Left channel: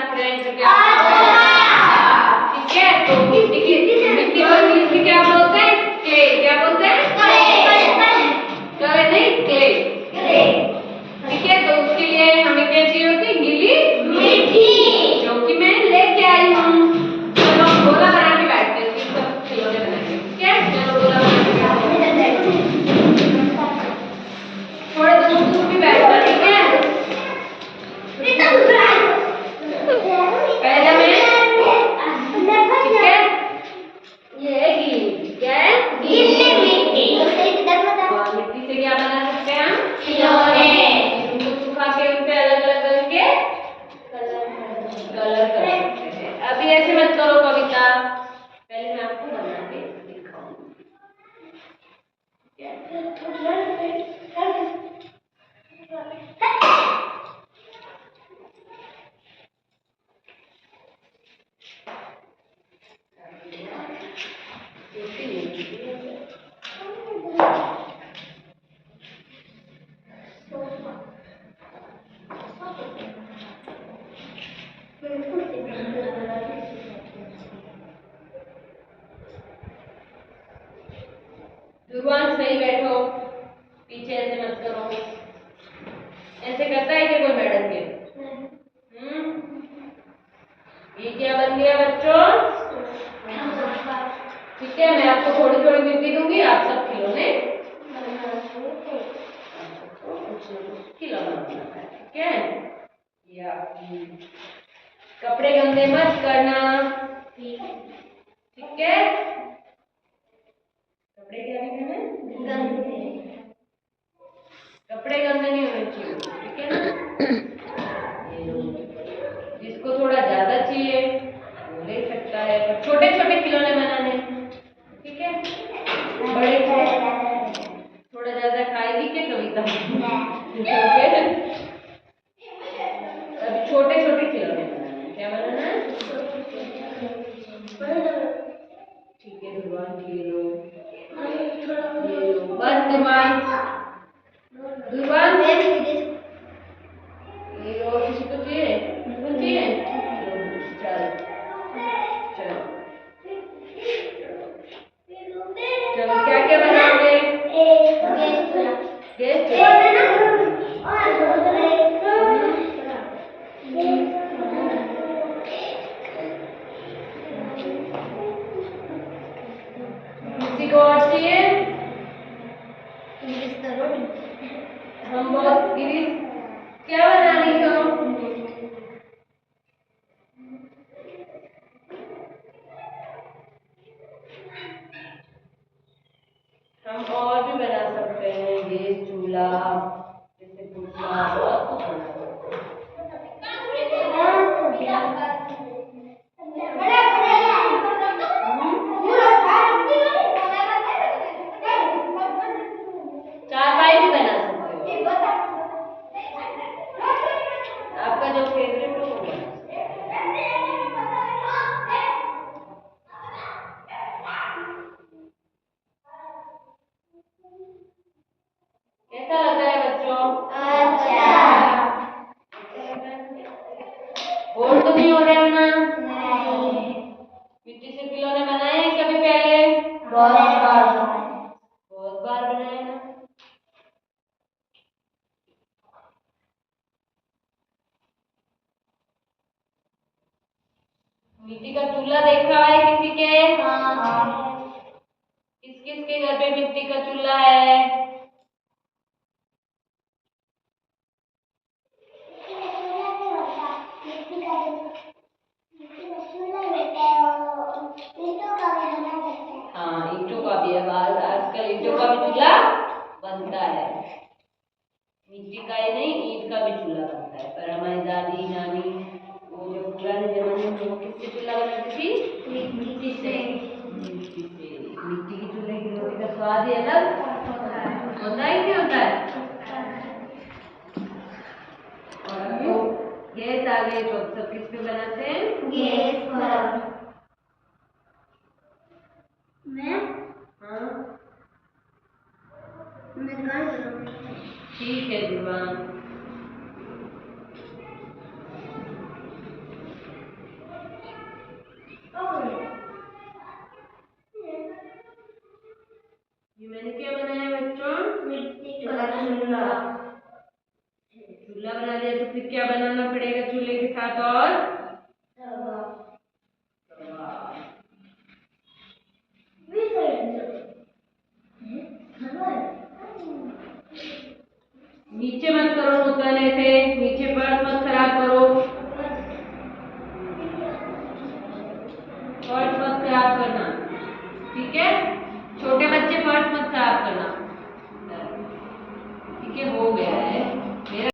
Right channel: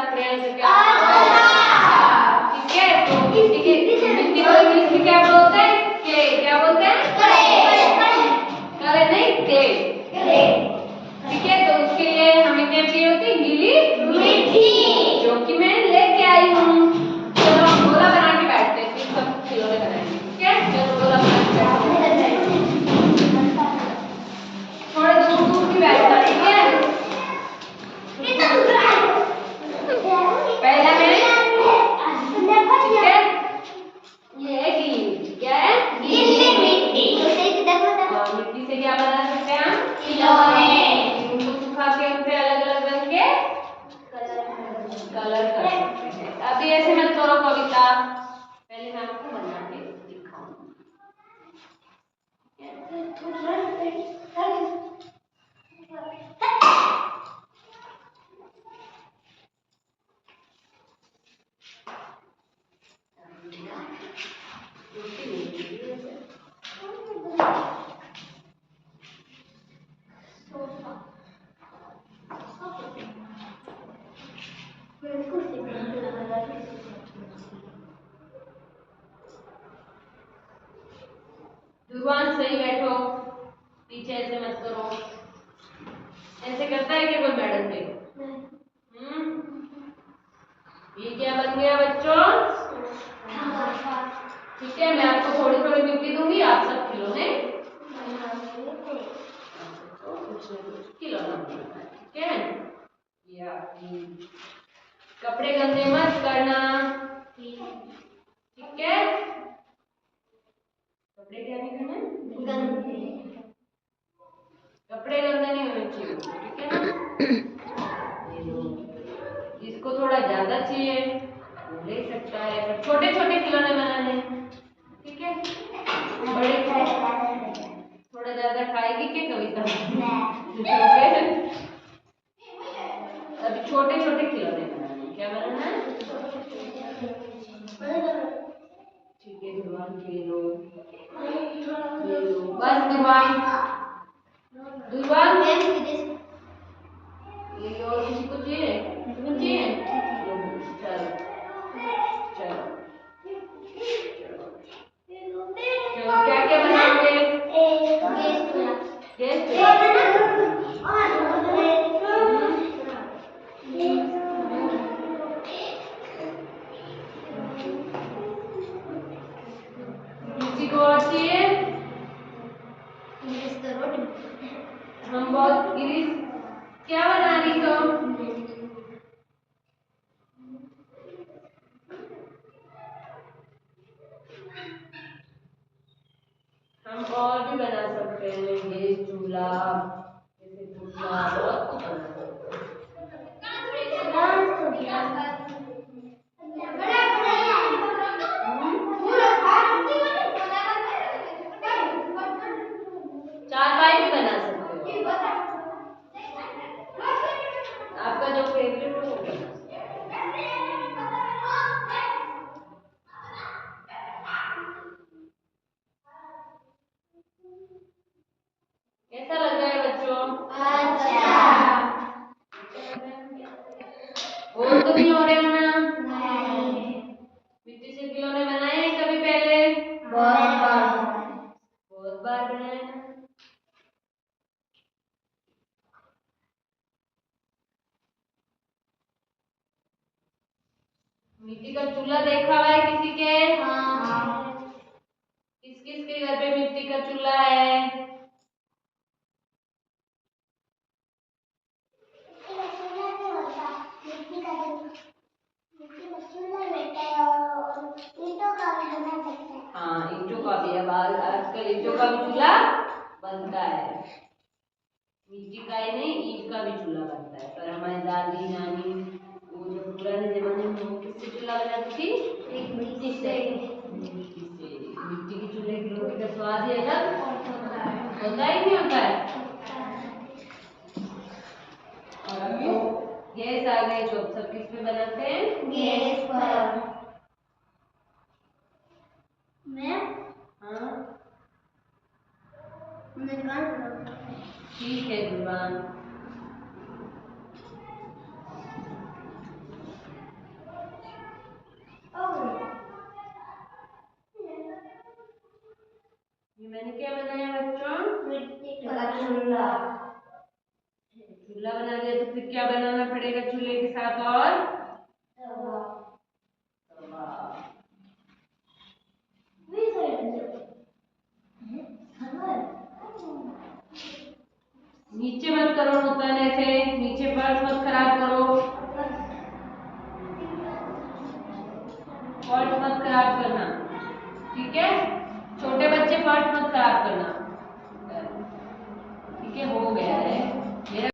बात करें तो क्या? ठीक है, तो मिट्टी को इंग्लिश में क्या बोलते हैं? क्ले। क्या बोलते हैं? क्ले नहीं, क्ले। ठीक है, तो उसके लिए हमें क्या चाहिए होती है? गीली मिट्टी, जो कि मैं लेके आई हूँ। चलो हम गोला बना के बैठते हैं, फिर सब खिलौने बनाएंगे। ठीक है, चलो गोला बना के बैठो। थोड़े दूर भी बैठना। ठीक है, पहले मैं, ठीक है, ये है गीली, क्या है? गीली मिट्टी। मिट्टी से क्या बना सकते हैं हम? खिलौने। उनको सुखा के उन पे अलग अलग रंग के कलर कर सकते हैं। अभी ऐसे मत करो कविता, पहले मैं आपको बना के दिखाऊंगी। ध्रुवांश सही बैठो, पीछे ऐसे मत करो। ऐसे करता है क्या कोई मैडम के? ये क्या बन गया बच्चों? ठीक है, मैं आपको थोड़ी थोड़ी मिट्टी दूंगी, आप सब खिलौने खिलौना बनाना है। ठीक है, ये आपकी कपड़े गंदे मत करना। ठीक है, कपड़े क्या नहीं करने? गंदे, कपड़े गंदे नहीं होने चाहिए। ठीक है ना? ये लो, जिसको थोड़ा ज्यादा चाहिए वो ले सकता है, पर छोटे छोटे खिलौने बनाने। ठीक है, बड़े थोड़ा ज्यादा खाएगी क्या कविता? अभी छोटे छोटे खिलौने बनाने। क्या बनाना है? ठीक है ध्रुवान, ये लो, बस ध्रुवान, ध्रुवान ये लो, किसी को चाहिए? चाहिए? चलो चलो चलो, क्या क्या बनाओगे? गैस किसी को और चाहिए? हम बहुत गिरीश, क्या बनानी तो? हम और भी बना सकते हैं, गैस चूल्हा, जैसे पुतला, बहुत कुछ बना सकते हैं। चारपाई भी बना सकते हो, आपका जो फेवरेट हो वो बना। कैसा लग रहा है बच्चों? अच्छा। बोर तो नहीं हो रहे हो ना? नहीं। मिट्टी से खिलौने बनाए हैं कभी पहले? बहुत बार बनाए ना। मिट्टी का चूल्हा देखा हुआ है किसी के? हाँ। किस किस के घर पे मिट्टी का चूल्हा है? हाँ, ईंटों का भी है, आजकल ईंटों का भी चूल्हा बनता है। मिट्टी का ही नहीं, ईंट का भी चूल्हा बनता है। पर हमारी दादी नानी वो जो पुराने जमाने में वो किससे चूल्हा बनाती थी? मिट्टी से। मिट्टी की चूल्हे की रोटी का स्वाद ही अलग होता ही नहीं होता है। और अब तो गैस आ गई तो सब किस पे बनाते हैं? गैस पर। मैं हाँ, मैं दुकान करूँगी। ठीक है दुकान। फिर क्या बनाना पड़ेगा चूल्हे के साथ? और नीचे मत करो, होता है ऐसे